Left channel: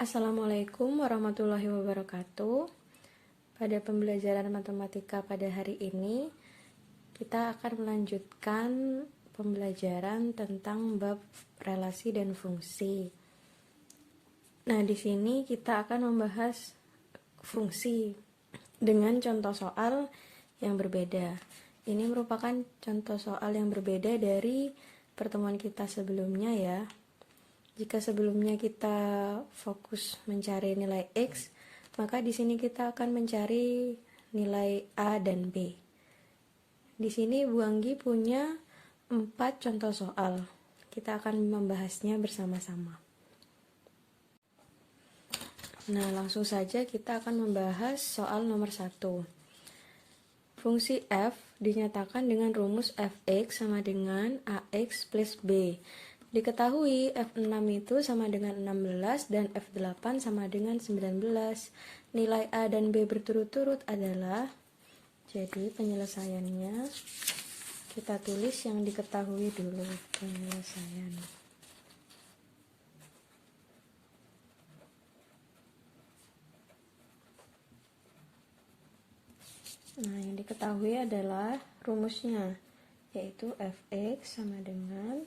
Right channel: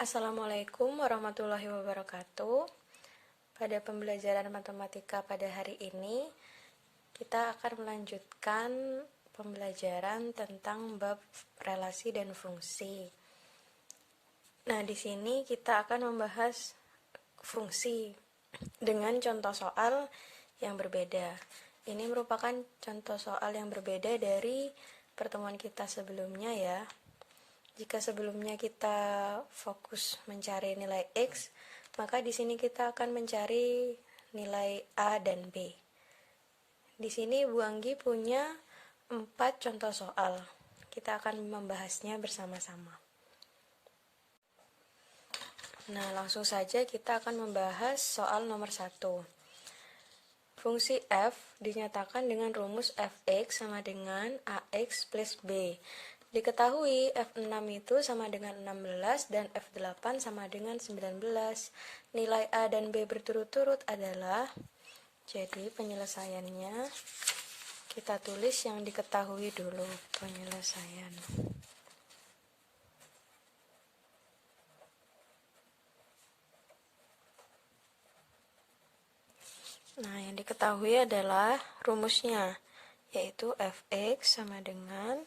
Assalamualaikum warahmatullahi wabarakatuh. Pada pembelajaran matematika pada hari ini, kita akan melanjutkan pembelajaran tentang bab relasi dan fungsi. Nah, di sini kita akan membahas fungsi dengan contoh soal yang berbeda. Ini merupakan contoh soal yang berbeda dari pertemuan kita sebelumnya ya. Jika sebelumnya kita fokus mencari nilai X, maka di sini kita akan mencari nilai A dan B. Di sini Bu Anggi punya 4 contoh soal. Kita akan membahasnya bersama-sama. Nah, langsung saja kita akan membahas soal nomor 1. Fungsi f dinyatakan dengan rumus fx sama dengan ax plus b. Diketahui F6 itu sama dengan 16 dan F8 sama dengan 19. Nilai A dan B berturut-turut adalah, jadi penyelesaiannya kita tulis yang diketahui dulu penyelesaian. Nah, yang diketahui adalah rumusnya, yaitu Fx sama dengan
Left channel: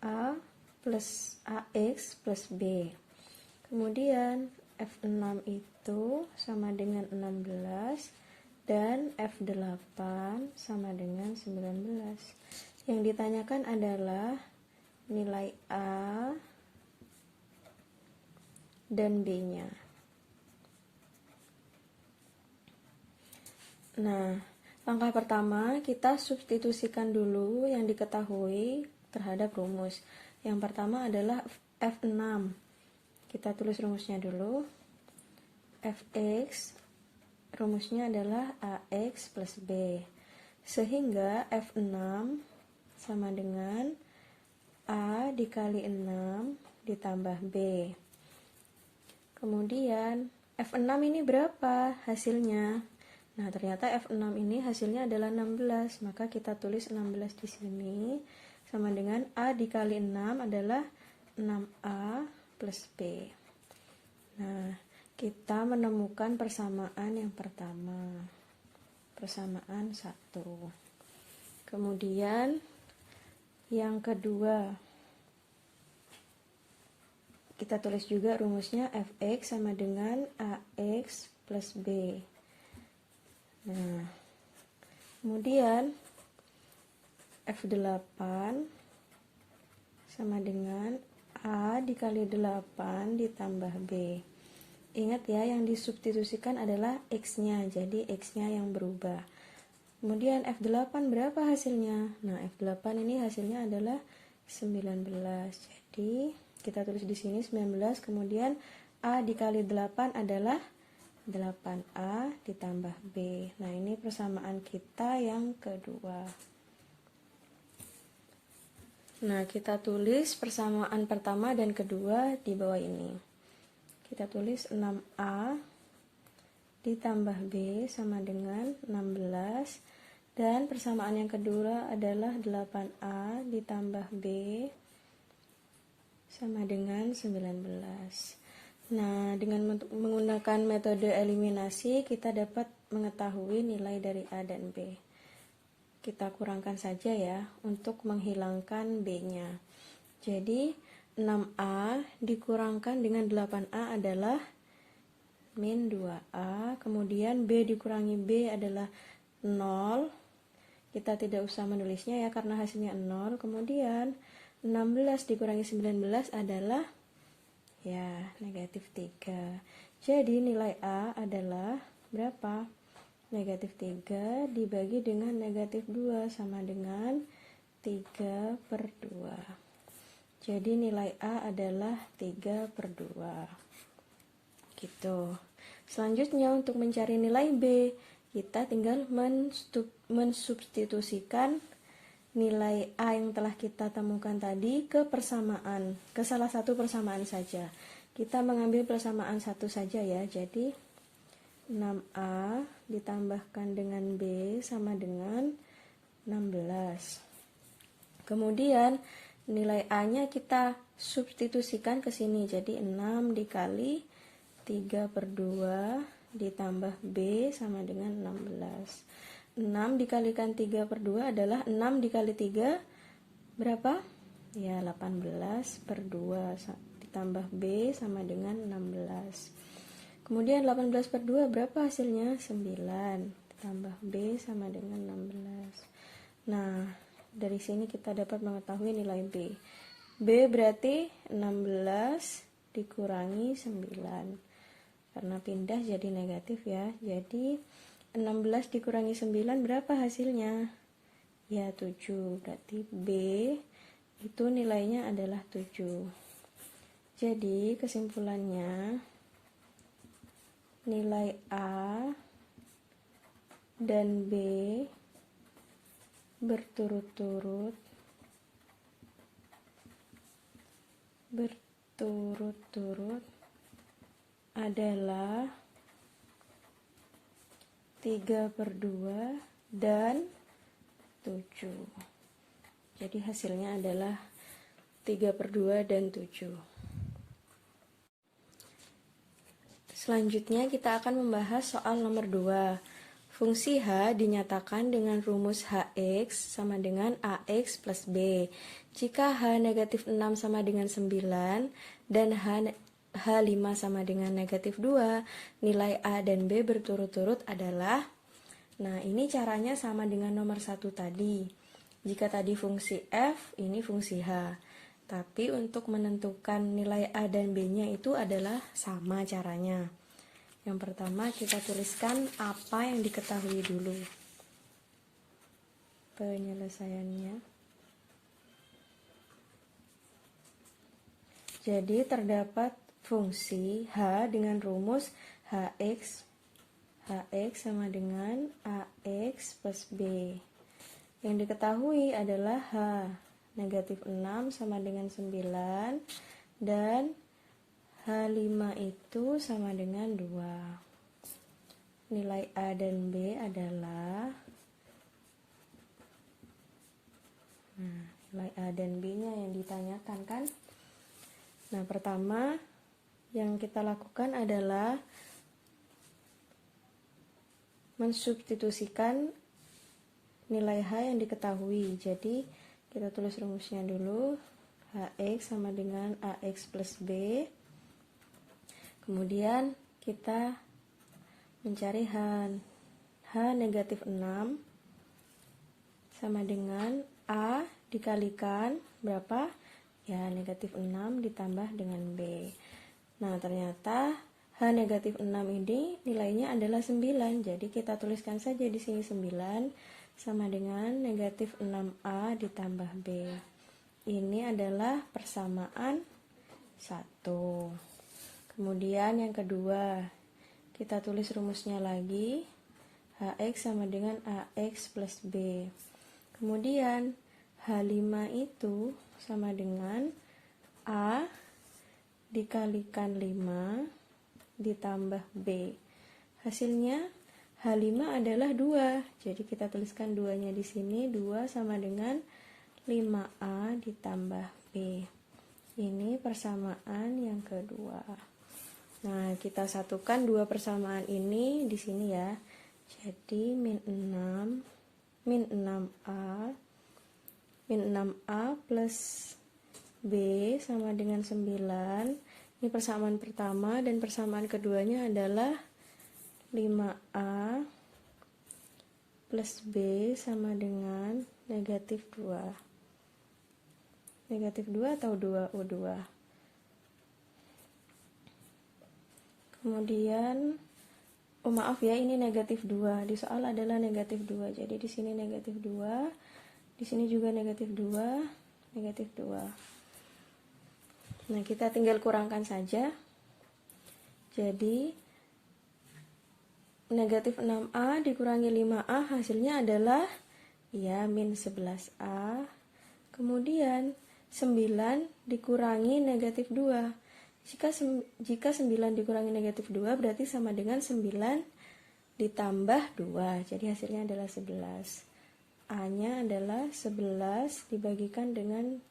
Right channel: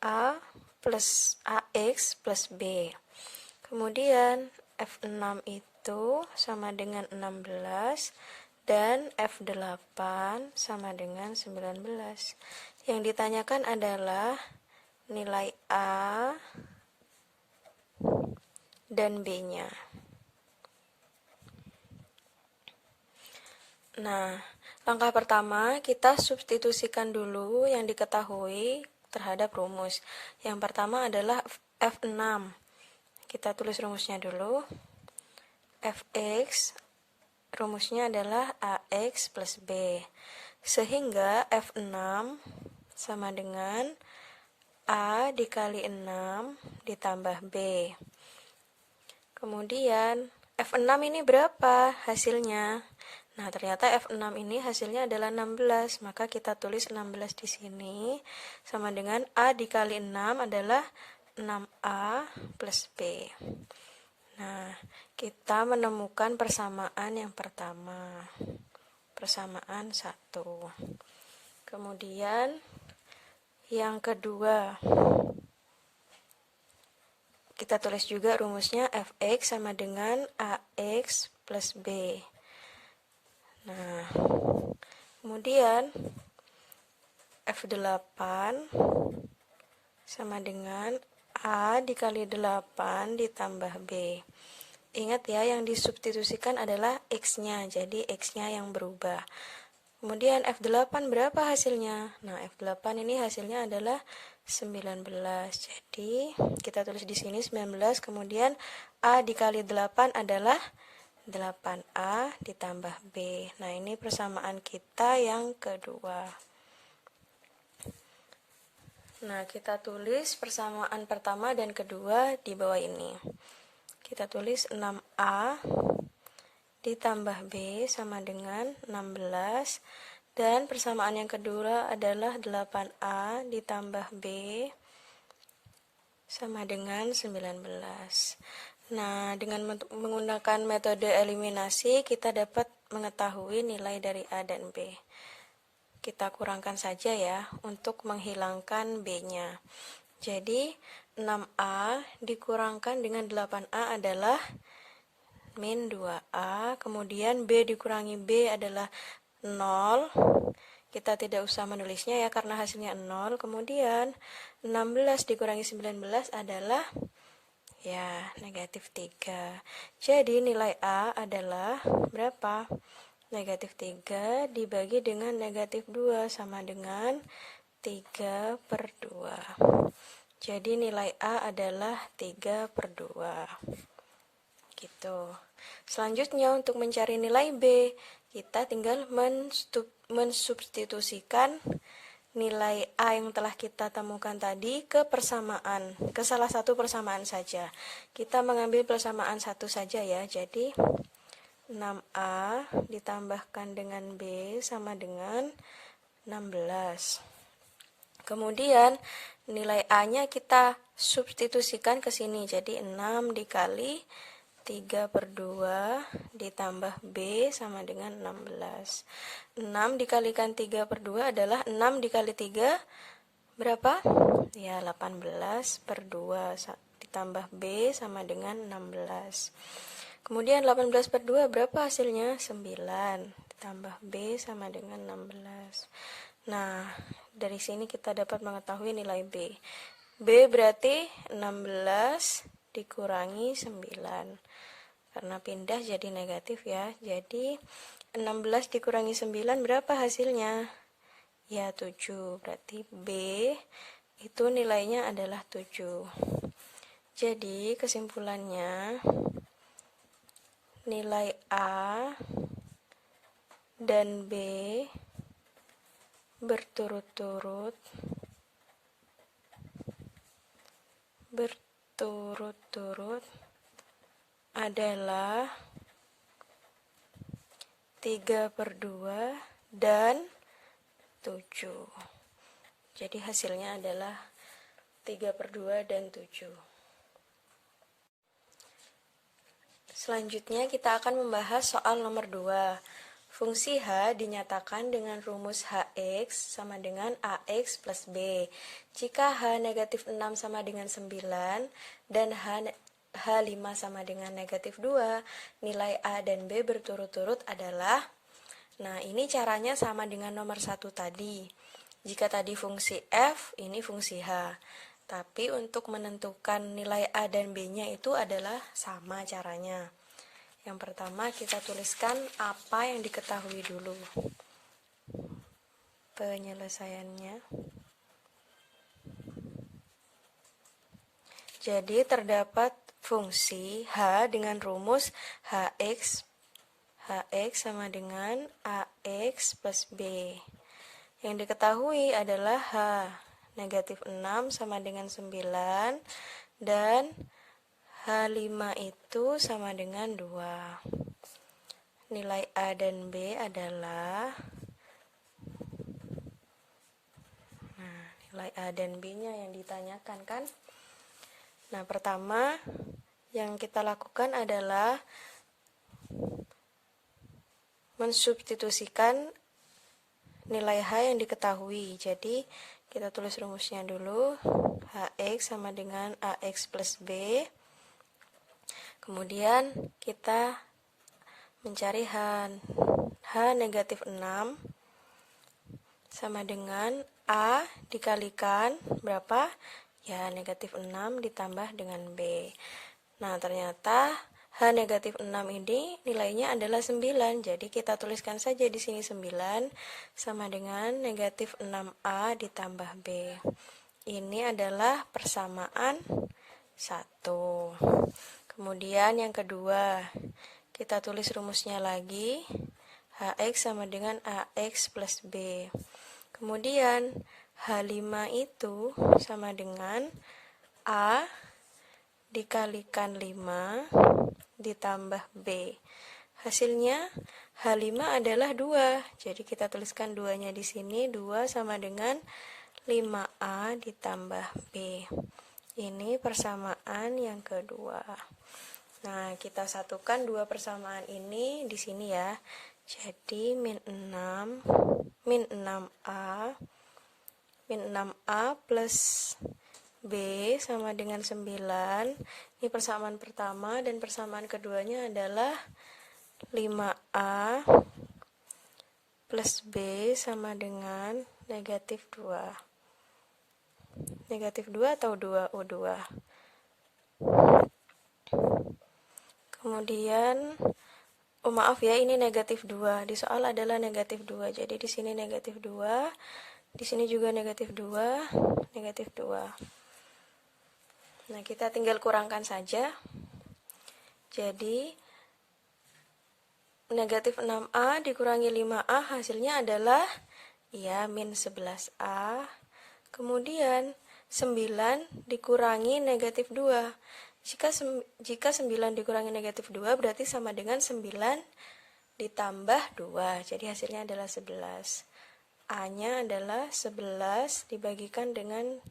A plus AX plus B. Kemudian F6 itu sama dengan 16 dan F8 sama dengan 19. Yang ditanyakan adalah nilai A dan B-nya. Nah, langkah pertama kita substitusikan dulu yang diketahui terhadap rumus. Yang pertama adalah F6. Kita tulis rumusnya dulu. Fx rumusnya adalah AX plus B. Sehingga F6 sama dengan A dikali 6 ditambah B. Kemudian F6 ini berapa hasilnya? Nah, ternyata F6 ini hasilnya adalah 16, maka kita tulis 16 di sini sama dengan A dikali 6 adalah 6A plus B. Nah, kita menemukan persamaan yang pertama, persamaan 1. Kemudian yang kedua, kita tulis juga rumusnya Fx sama dengan AX plus B. Nah, kemudian F8 sama dengan A dikali 8 ditambah B. Ingat ya, yang disubstitusikan adalah X-nya, jadi X-nya yang berubah. Kemudian F8 berapa hasilnya? Nah, F8 ini hasilnya adalah 19. Jadi, kita tulis di sini 19, kemudian A dikali 8 adalah 8A ditambah B. Nah, ini persamaan kita yang kedua. Nah, kita tulis persamaan pertama dan kedua di bawah ini. Kita tulis 6A ditambah B sama dengan 16. Dan persamaan yang kedua adalah 8A ditambah B sama dengan 19. Nah, dengan menggunakan metode eliminasi, kita dapat mengetahui nilai dari A dan B. Kita kurangkan saja ya, untuk menghilangkan B-nya. Jadi, 6A dikurangkan dengan 8A adalah min 2A. Kemudian B dikurangi B adalah 0. Kita tidak usah menulisnya ya, karena hasilnya 0. Kemudian, 16 dikurangi 19 adalah ya, negatif 3. Jadi nilai A adalah berapa? Negatif 3 dibagi dengan negatif 2 sama dengan 3/2. Jadi nilai A adalah 3/2. Gitu. Selanjutnya untuk mencari nilai B, kita tinggal mensubstitusikan nilai A yang telah kita temukan tadi ke persamaan, ke salah satu persamaan saja. Kita mengambil persamaan satu saja ya, jadi 6A ditambahkan dengan B sama dengan 16. Kemudian nilai A-nya kita substitusikan ke sini. Jadi 6 dikali 3/2 ditambah B sama dengan 16. 6 dikalikan 3/2 adalah 6 dikali 3 berapa? Ya 18/2 ditambah B sama dengan 16. Kemudian 18/2 berapa hasilnya? 9 ditambah B sama dengan 16. Nah, dari sini kita dapat mengetahui nilai B. B berarti 16 dikurangi 9. Karena pindah jadi negatif ya. Jadi 16 dikurangi 9 berapa hasilnya? Ya 7. Berarti B itu nilainya adalah 7. Jadi kesimpulannya nilai A dan B berturut-turut adalah 3/2 dan 7. Jadi hasilnya adalah 3/2 dan 7. Selanjutnya kita akan membahas soal nomor 2. Fungsi H dinyatakan dengan rumus Hx sama dengan Ax plus B. Jika H negatif 6 sama dengan 9 dan H5 sama dengan negatif 2, nilai A dan B berturut-turut adalah, nah ini caranya sama dengan nomor 1 tadi. Jika tadi fungsi F, ini fungsi H. Tapi untuk menentukan nilai A dan B-nya itu adalah sama caranya. Yang pertama kita tuliskan apa yang diketahui dulu. Penyelesaiannya. Jadi terdapat fungsi H dengan rumus Hx sama dengan Ax plus B. Yang diketahui adalah H negatif 6 sama dengan 9 dan H5 itu sama dengan 2. Nilai A dan B adalah, nah, nilai A dan B-nya yang ditanyakan kan? Nah, pertama yang kita lakukan adalah mensubstitusikan nilai H yang diketahui. Jadi, kita tulis rumusnya dulu. Hx sama dengan Ax plus B. Kemudian kita mencari H. H negatif 6 sama dengan A dikalikan berapa? Ya, negatif 6 ditambah dengan B. Nah, ternyata H negatif 6 ini nilainya adalah 9. Jadi kita tuliskan saja di sini 9 sama dengan negatif 6A ditambah B. Ini adalah persamaan 1. Kemudian yang kedua, kita tulis rumusnya lagi. Hx sama dengan Ax plus B. Kemudian H5 itu sama dengan A dikalikan 5 ditambah B. Hasilnya H5 adalah 2. Jadi kita tuliskan 2-nya di sini. 2 sama dengan 5A ditambah B. Ini persamaan yang kedua. Nah, kita satukan dua persamaan ini di sini ya. Jadi min 6A plus B sama dengan 9. Ini persamaan pertama dan persamaan keduanya adalah 5A plus B sama dengan negatif 2. Negatif 2 atau 2U2. Kemudian, oh maaf ya, ini negatif 2. Di soal adalah negatif 2. Jadi di sini negatif 2. Di sini juga negatif 2. Negatif 2. Nah, kita tinggal kurangkan saja. Jadi, negatif 6A dikurangi 5A hasilnya adalah, ya, min 11A. Kemudian, 9 dikurangi negatif 2. Jika 9 dikurangi negatif 2 berarti sama dengan 9 ditambah 2. Jadi hasilnya adalah 11. A-nya adalah 11 dibagikan dengan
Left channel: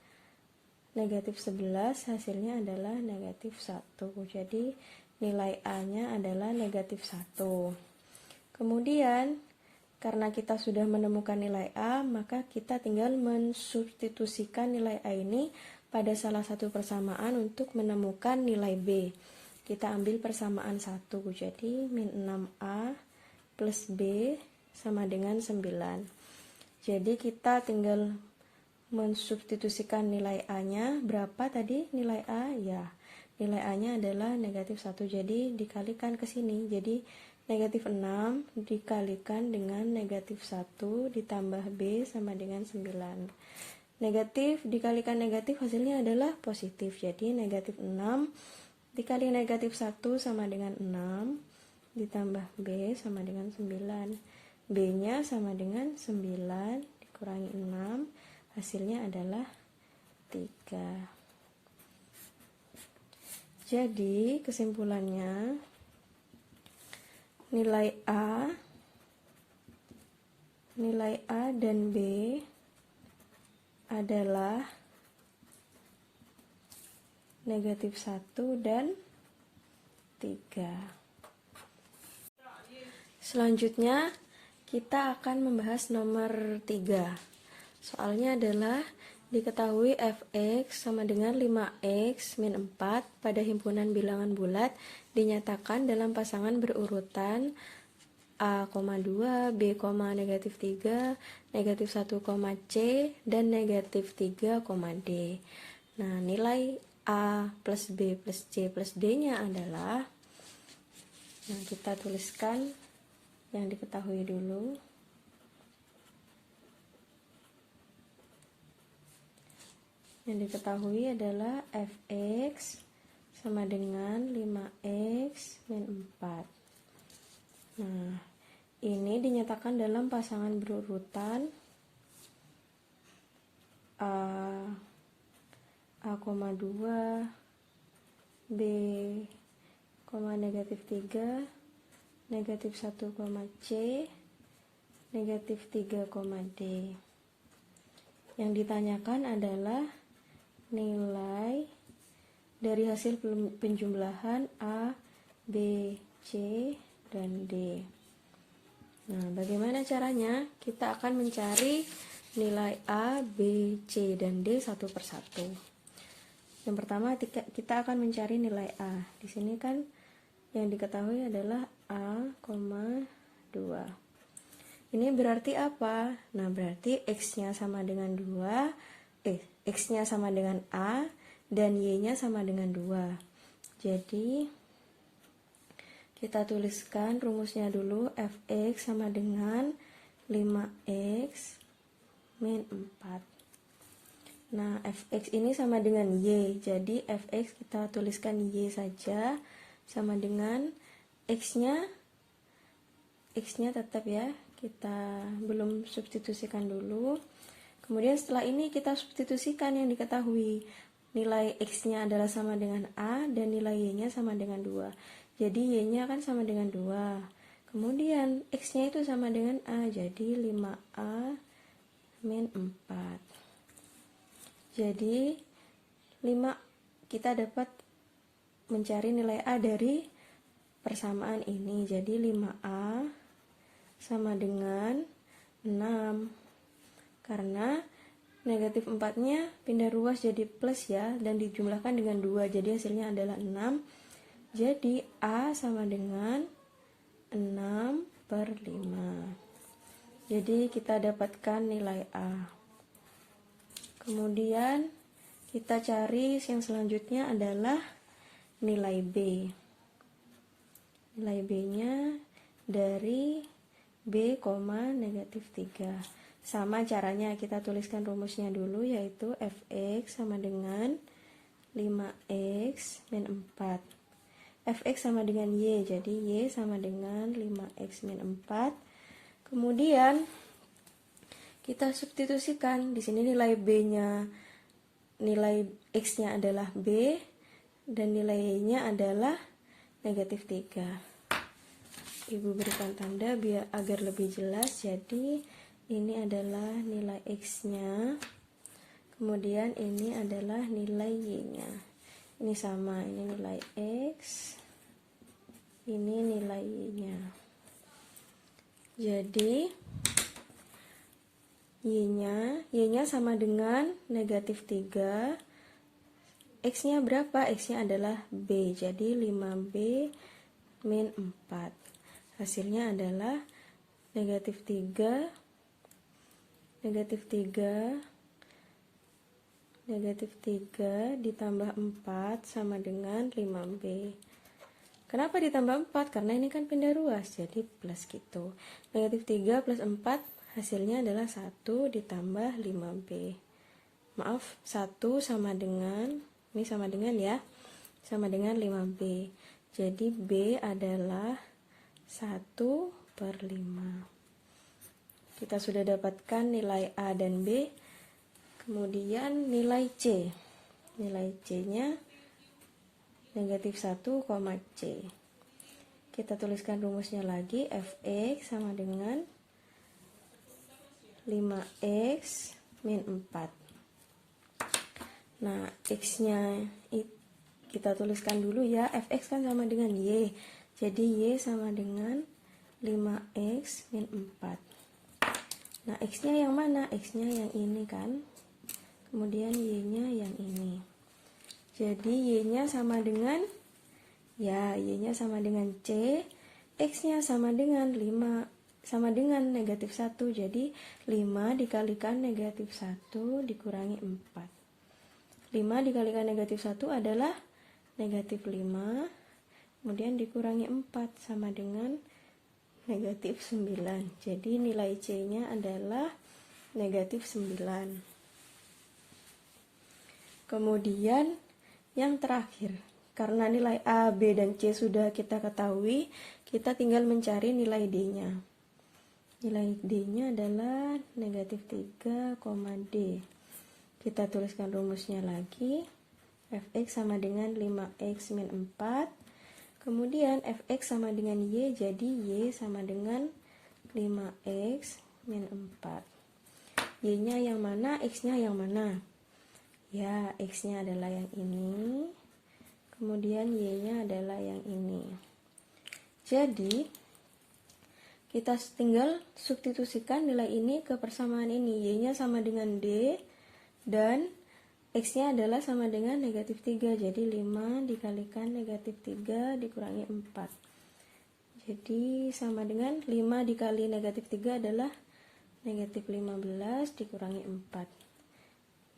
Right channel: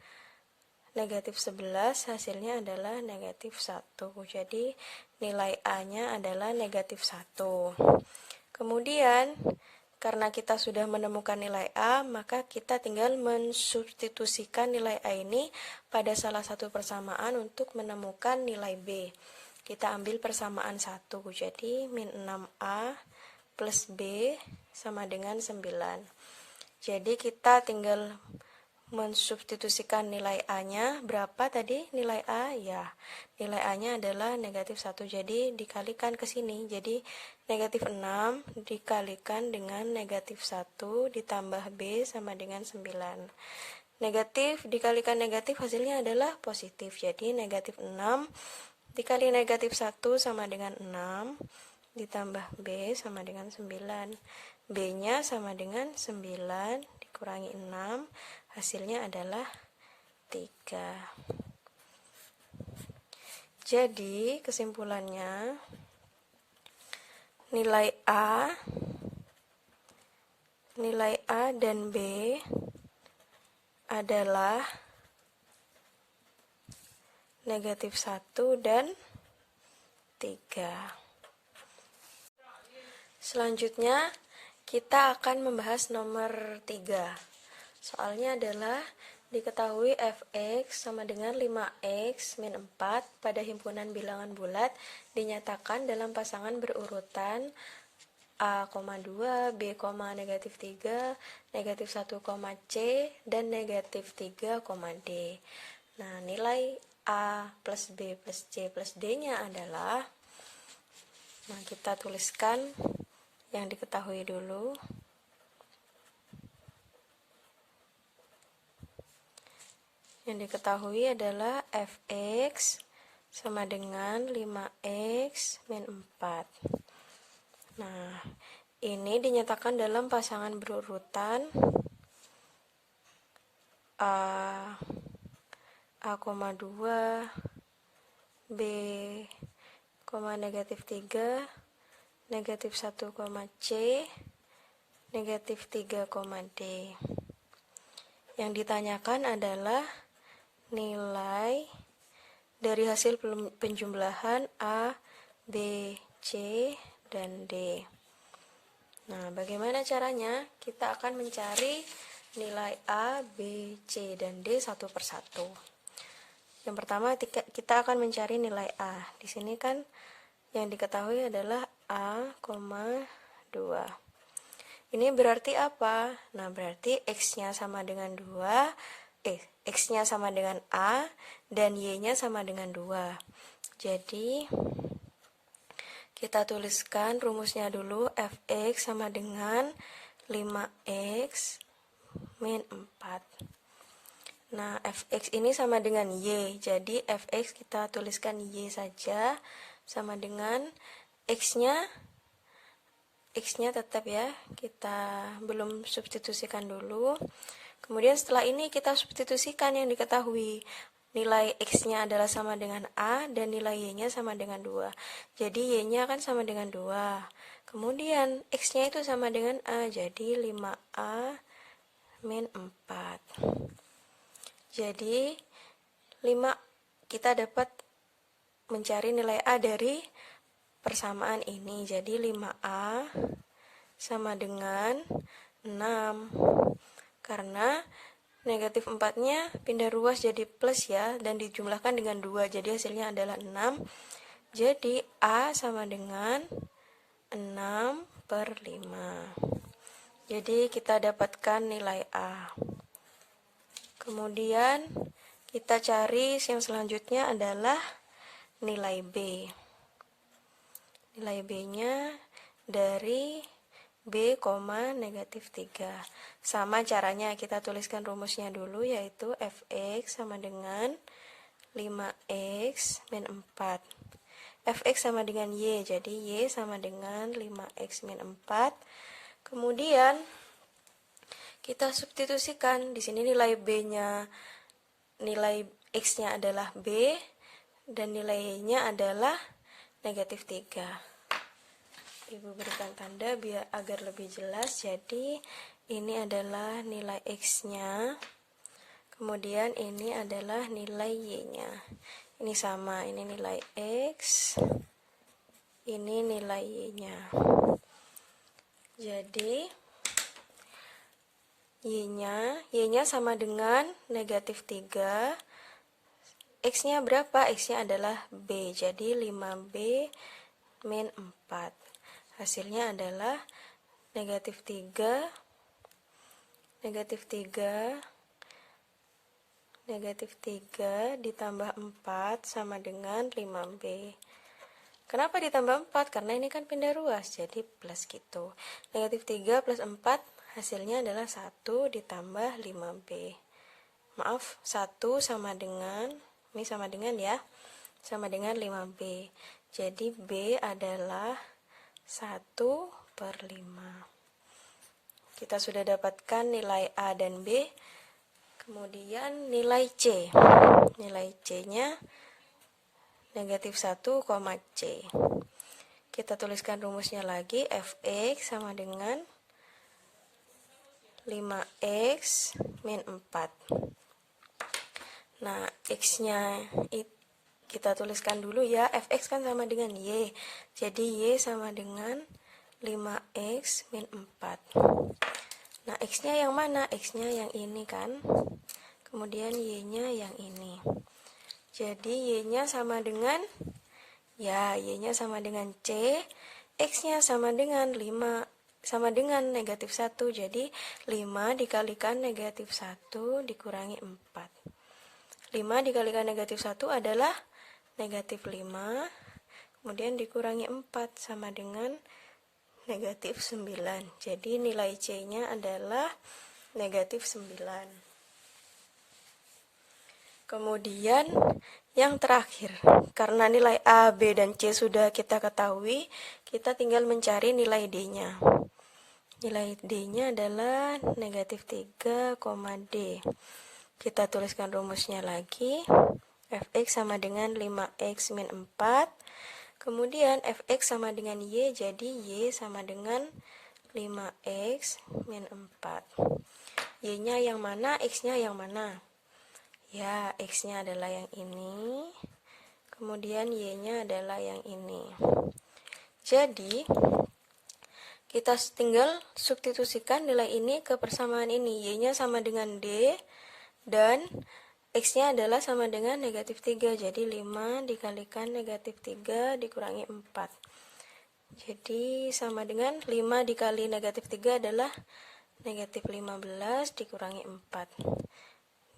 negatif 11, hasilnya adalah negatif 1. Jadi nilai A-nya adalah negatif 1. Kemudian, karena kita sudah menemukan nilai A, maka kita tinggal mensubstitusikan nilai A ini pada salah satu persamaan untuk menemukan nilai B. Kita ambil persamaan 1, jadi min 6A plus B sama dengan 9. Jadi kita tinggal mensubstitusikan nilai A-nya. Berapa tadi nilai A? Ya, nilai A-nya adalah negatif 1, jadi dikalikan ke sini. Jadi negatif 6 dikalikan dengan negatif 1 ditambah B sama dengan 9. Negatif dikalikan negatif hasilnya adalah positif. Jadi negatif 6 dikali negatif 1 sama dengan 6 ditambah B sama dengan 9. B-nya sama dengan 9 dikurangi 6, hasilnya adalah 3. Jadi kesimpulannya, nilai A dan B adalah negatif 1 dan 3. Selanjutnya kita akan membahas nomor 3. Soalnya adalah diketahui fx sama dengan 5x min 4 pada himpunan bilangan bulat dinyatakan dalam pasangan berurutan A, 2, B, negatif 3, negatif 1, C, dan negatif 3, D. Nah, nilai A plus B plus C plus D-nya adalah, nah kita tuliskan yang diketahui dulu. Yang diketahui adalah fx sama dengan 5x min 4. Nah, ini dinyatakan dalam pasangan berurutan A, 2, B, negatif 3, negatif 1, C, negatif 3, D. Yang ditanyakan adalah nilai dari hasil penjumlahan A, B, C, dan D. Nah, bagaimana caranya? Kita akan mencari nilai A, B, C, dan D satu persatu. Yang pertama kita akan mencari nilai A. Di sini kan yang diketahui adalah A, 2. Ini berarti apa? Nah, berarti X-nya sama dengan 2, X-nya sama dengan A, dan Y-nya sama dengan 2. Jadi, kita tuliskan rumusnya dulu, fx sama dengan 5x min 4. Nah, fx ini sama dengan y, jadi fx kita tuliskan y saja, sama dengan x-nya tetap ya, kita belum substitusikan dulu. Kemudian setelah ini kita substitusikan yang diketahui. Nilai x-nya adalah sama dengan A dan nilai y-nya sama dengan 2. Jadi y-nya akan sama dengan 2. Kemudian x-nya itu sama dengan A, jadi 5A min 4. Jadi 5 kita dapat mencari nilai A dari persamaan ini. Jadi 5A sama dengan 6. Karena negatif 4-nya pindah ruas jadi plus ya, dan dijumlahkan dengan 2, jadi hasilnya adalah 6. Jadi A sama dengan 6/5. Jadi kita dapatkan nilai A. Kemudian kita cari yang selanjutnya adalah nilai B. Nilai B-nya dari B, negatif 3. Sama caranya, kita tuliskan rumusnya dulu, yaitu fx sama dengan 5x min 4. Fx sama dengan y, jadi y sama dengan 5x min 4. Kemudian kita substitusikan. Di sini nilai B-nya, nilai x-nya adalah B, dan nilai y-nya adalah negatif 3. Ibu berikan tanda biar agar lebih jelas. Jadi ini adalah nilai x-nya. Kemudian ini adalah nilai Y-nya. Ini sama, ini nilai X, ini nilai Y-nya. Jadi Y-nya sama dengan negatif 3. X-nya berapa? X-nya adalah B. Jadi 5B min 4. Hasilnya adalah negatif 3 ditambah 4 sama dengan 5B. Kenapa ditambah 4? Karena ini kan pindah ruas, jadi plus gitu. Negatif 3 plus 4 hasilnya adalah 1 ditambah 5B. Maaf, 1 sama dengan, ini sama dengan ya, sama dengan 5B. Jadi B adalah 1/5. Kita sudah dapatkan nilai A dan B. Kemudian nilai C. Nilai C-nya negatif 1, C. Kita tuliskan rumusnya lagi. Fx sama dengan 5x min 4. Nah, x-nya kita tuliskan dulu ya. Fx kan sama dengan y. Jadi y sama dengan 5x min 4. Nah, x-nya yang mana? X-nya yang ini kan. Kemudian y-nya yang ini. Jadi y-nya sama dengan, ya, y-nya sama dengan c. X-nya sama dengan 5, sama dengan negatif 1. Jadi 5 dikalikan negatif 1 dikurangi 4. 5 dikalikan negatif 1 adalah negatif 5. Kemudian dikurangi 4 sama dengan negatif 9. Jadi nilai C-nya adalah negatif 9. Kemudian yang terakhir, karena nilai A, B, dan C sudah kita ketahui, kita tinggal mencari nilai D-nya. Nilai D-nya adalah negatif 3, D. Kita tuliskan rumusnya lagi. Fx sama dengan 5x min 4. Kemudian Fx sama dengan Y, jadi Y sama dengan 5x min 4. Y-nya yang mana, X-nya yang mana? Ya, X-nya adalah yang ini. Kemudian Y-nya adalah yang ini. Jadi, kita tinggal substitusikan nilai ini ke persamaan ini. Y-nya sama dengan D, dan X-nya adalah sama dengan negatif 3. Jadi 5 dikalikan negatif 3 dikurangi 4. Jadi sama dengan 5 dikali negatif 3 adalah negatif 15 dikurangi 4.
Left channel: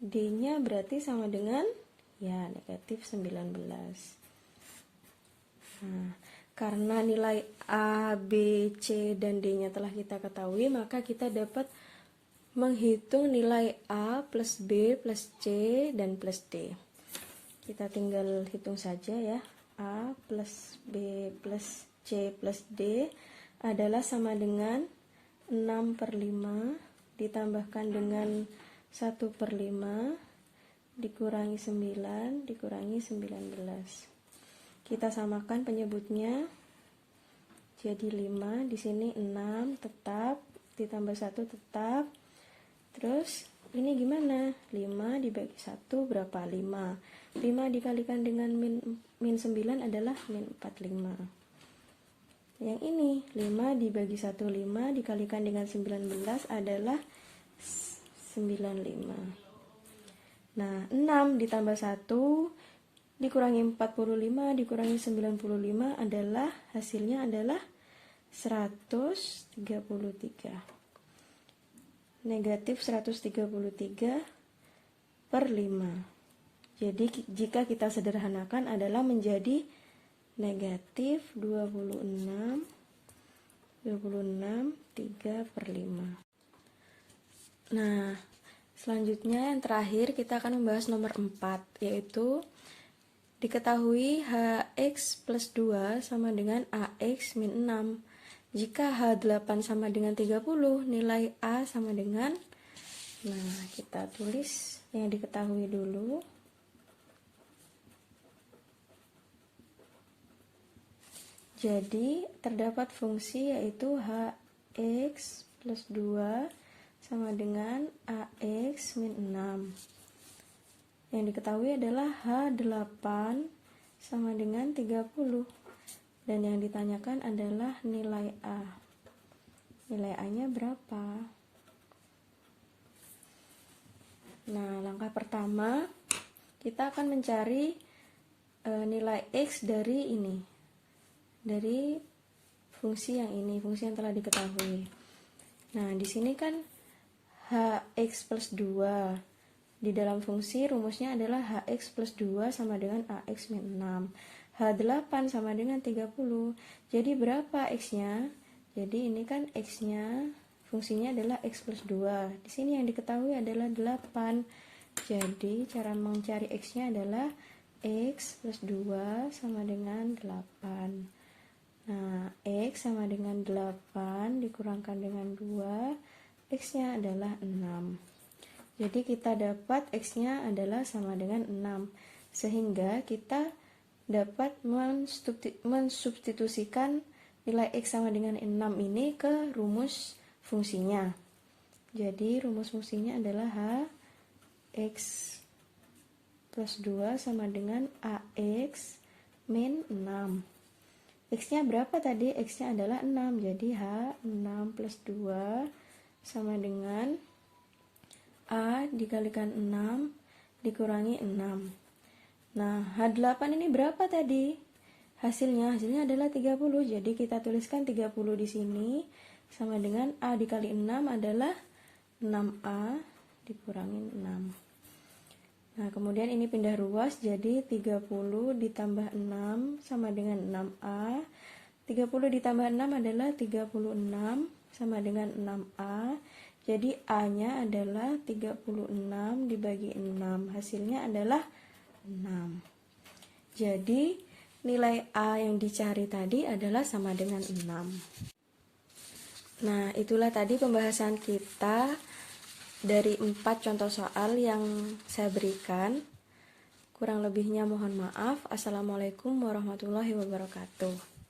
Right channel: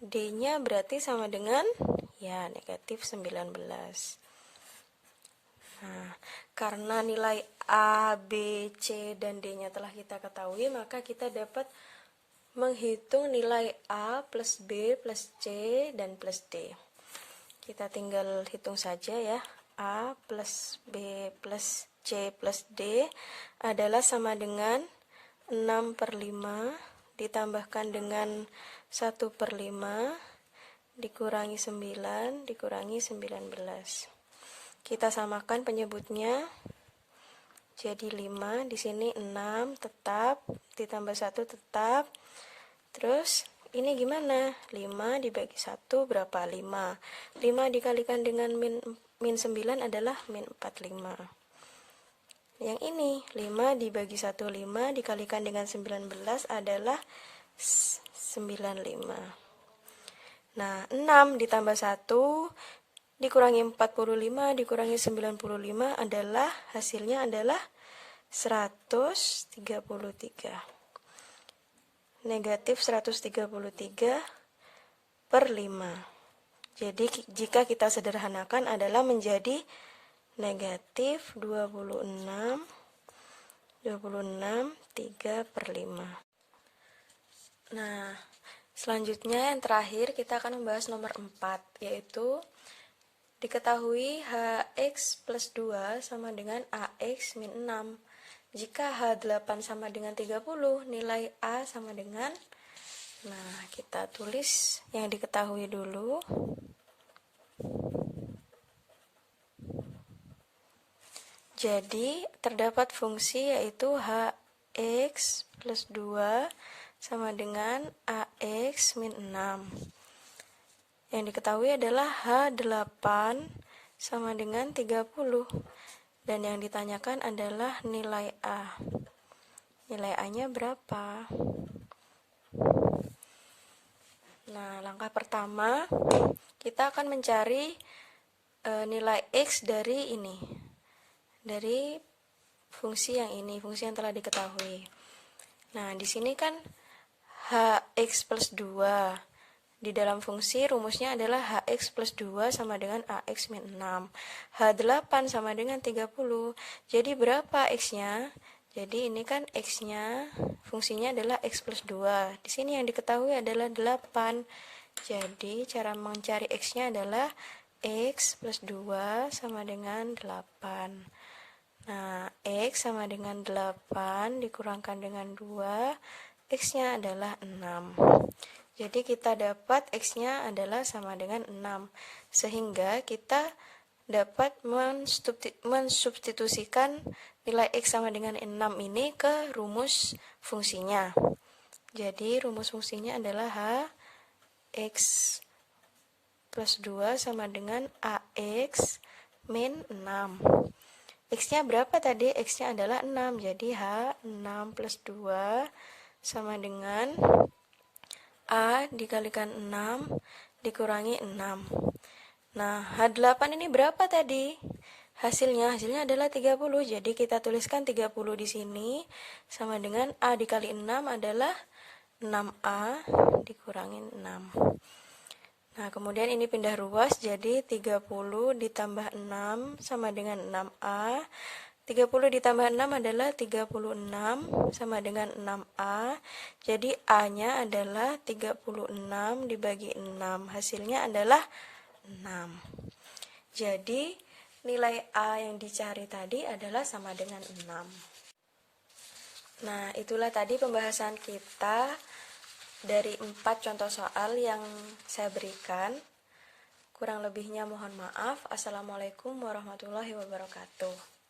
D-nya berarti sama dengan, ya, negatif 19. Nah, karena nilai A, B, C, dan D-nya telah kita ketahui, maka kita dapat menghitung nilai A plus B plus C dan plus D. Kita tinggal hitung saja ya. A plus B plus C plus D adalah sama dengan 6/5 ditambahkan dengan 1/5 dikurangi 9 dikurangi 19. Kita samakan penyebutnya. Jadi 5, di sini 6 tetap, ditambah 1 tetap. Terus ini gimana? 5 dibagi 1 berapa? 5. 5 dikalikan dengan min 9 adalah min 45. Yang ini 5 dibagi 1 5 dikalikan dengan 19 adalah 95. Nah, 6 ditambah 1 dikurangi 45 dikurangi 95 adalah hasilnya adalah 133. Negatif 133/5. Jadi jika kita sederhanakan adalah menjadi negatif 3/5. Nah, selanjutnya yang terakhir kita akan membahas nomor 4, yaitu diketahui HX plus 2 sama dengan AX min 6. Jika H8 sama dengan 30, nilai A sama dengan, nah, kita tulis yang diketahui dulu. Jadi, terdapat fungsi yaitu HX plus 2 sama dengan AX min 6. Yang diketahui adalah H8 sama dengan 30. Dan yang ditanyakan adalah nilai A. Nilai A-nya berapa? Nah, langkah pertama kita akan mencari nilai X dari ini. Dari fungsi yang ini, fungsi yang telah diketahui. Nah, di sini kan Hx plus 2. Di dalam fungsi rumusnya adalah Hx plus 2 sama dengan Ax min 6. H8 sama dengan 30. Jadi berapa X-nya? Jadi ini kan X-nya, fungsinya adalah X plus 2. Di sini yang diketahui adalah 8. Jadi cara mencari X-nya adalah X plus 2 sama dengan 8. Nah, X sama dengan 8 dikurangkan dengan 2, X-nya adalah 6. Jadi kita dapat X-nya adalah sama dengan 6. Sehingga kita dapat mensubstitusikan nilai X sama dengan 6 ini ke rumus fungsinya. Jadi rumus fungsinya adalah Hx plus 2 sama dengan Ax min 6. X-nya berapa tadi? X-nya adalah 6. Jadi H6 plus 2 sama dengan A dikalikan 6 dikurangi 6. Nah, H8 ini berapa tadi? Hasilnya adalah 30. Jadi kita tuliskan 30 di sini sama dengan A dikali 6 adalah 6A dikurangi 6. Nah, kemudian ini pindah ruas, jadi 30 ditambah 6 sama dengan 6A. 30 ditambah 6 adalah 36 sama dengan 6A. Jadi A-nya adalah 36 dibagi 6. Hasilnya adalah 6. Jadi nilai A yang dicari tadi adalah sama dengan 6. Nah, itulah tadi pembahasan kita dari 4 contoh soal yang saya berikan. Kurang lebihnya mohon maaf. Assalamualaikum warahmatullahi wabarakatuh.